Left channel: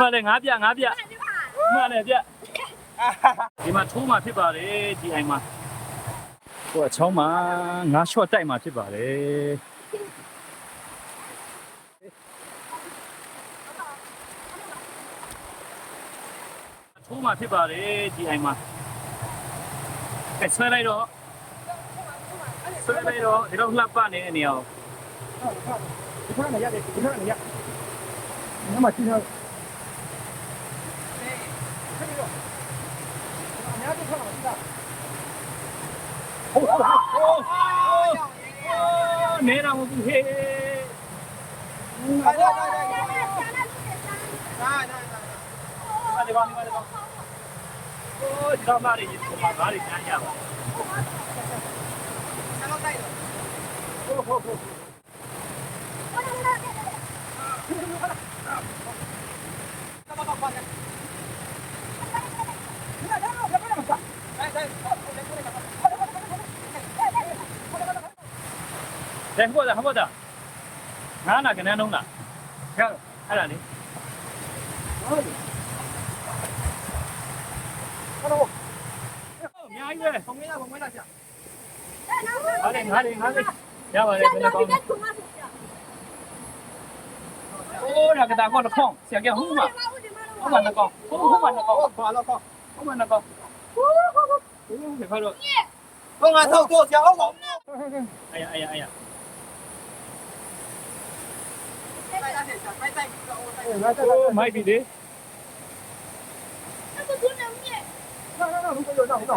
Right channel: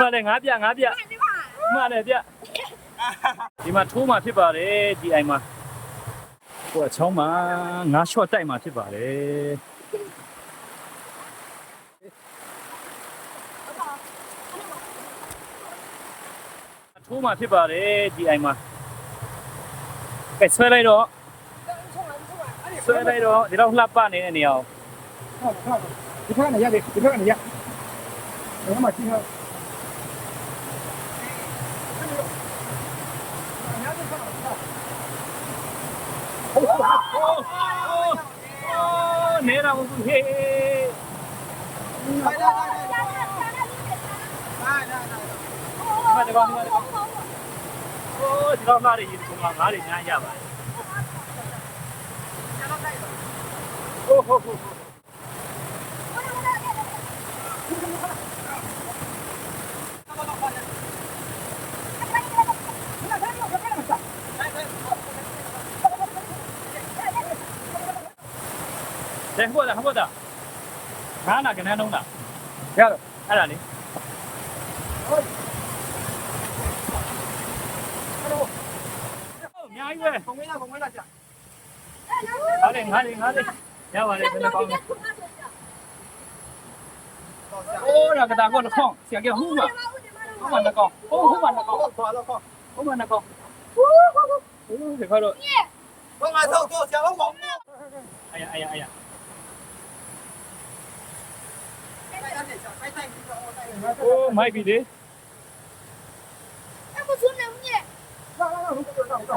မလည်းငါးပြမလည်းပြဒီမှာထိုးမှဖြစ်ပါတယ်ဒီအိမ်မှာဟိုအချောင်းမှာငါးရှော့တိုက်မှဖြစ်ပါတယ်ထိုးမှဖြစ်ပါတယ်ဒီအိမ်မှာကဲဆွဲလိုက်တော့ဒီတော့လှပနေတဲ့နေရာကို ဒီခါနဲ့ရတယ်ဒီခါနဲ့ရနေမှာချင်းတော့နေတာမဟုတ်ဘူးဟေးဒီမှာဒီကောင်အိုးဒီတော့လာရည်ဒီမှာငါးတွေညားရပါဟိုတဲ့ဟိုတာငါးနာကနေနှုံးလားရတော့အဲ့ဒါလေအများကြီးပဲပုံဝင်လာကြာငါးလေးရပါတယ်ဘယ်နှကောင်းလဲโอ้น่ะกะตาก็ละข้องเสียแกหู้มาเอามาละข้องหู้มาละข้อง သွားတော့ခေါ หู้มาละข้องโอ้เดี๋ยวค่อยတော့ တော့ငါထုတ်ဆရာအောင် 哎呀โอ้ไม่ပြီလေ那如果有那我到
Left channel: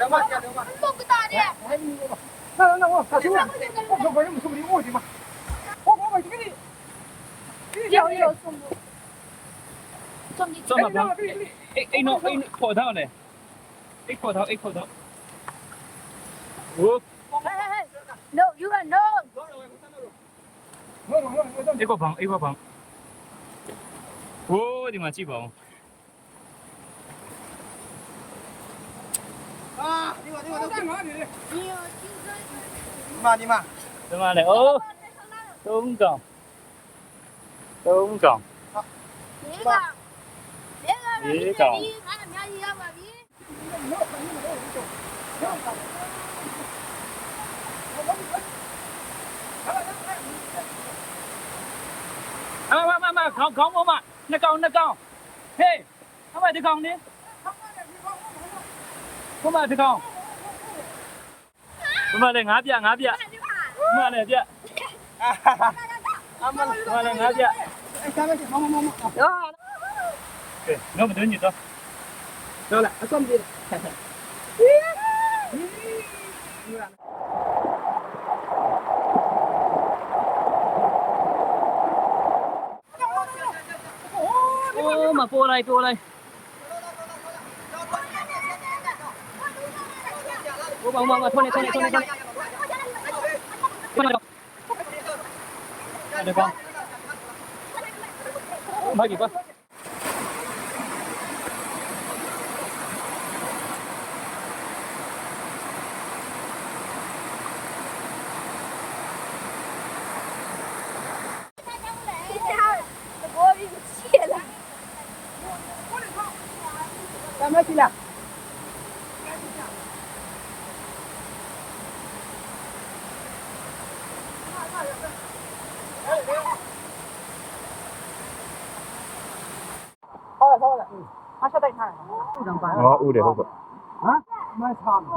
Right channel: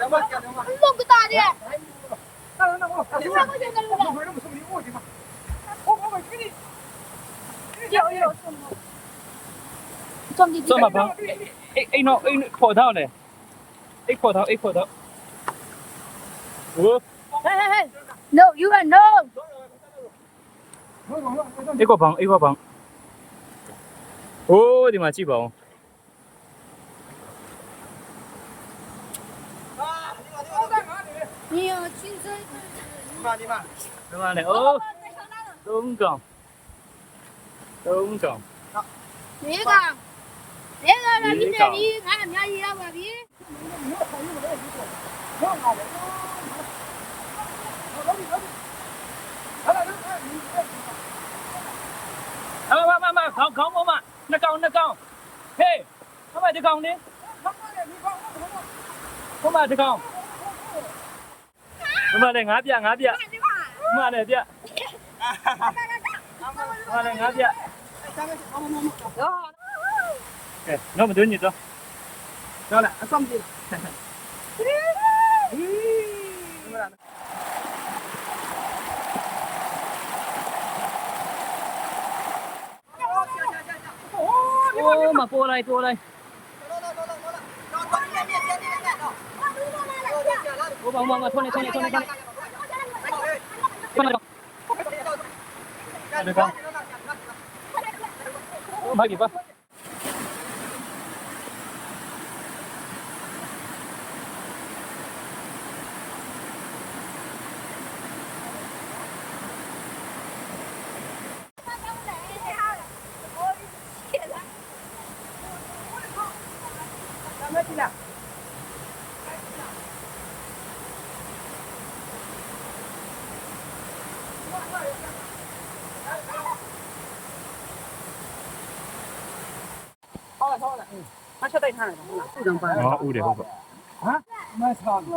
来吧加吧这么大的，那我他说我为什么说你我去嘛我给你有什么？装的这么棒哎喏破头呢破头โอ้ ，No, you are no。一個棒โอ้ဒီမှာကြည့်ပါဦး你有亲生。ဒီမှာဒီမှာလေအိုးသုံးကောင်别个了，你这里俺们家一样吧？别。มาခေါင်းပေါ်မှာနှစ်ကောင်ဟေးအမဒီကောင်နေဘုမဒီကောင်ဘုမလည်းငါးပြဘုမလည်းပြဘုမလည်းငါးပြနော်မတွင်းညတော့ 到了上不去โอ้มาตัวอะไรโอ้มาทนเดี๋ยวก่อนมากี่ปะ干嘛去了好了，他说带看了，不能办。哦，有的好不？啊，蛮长的。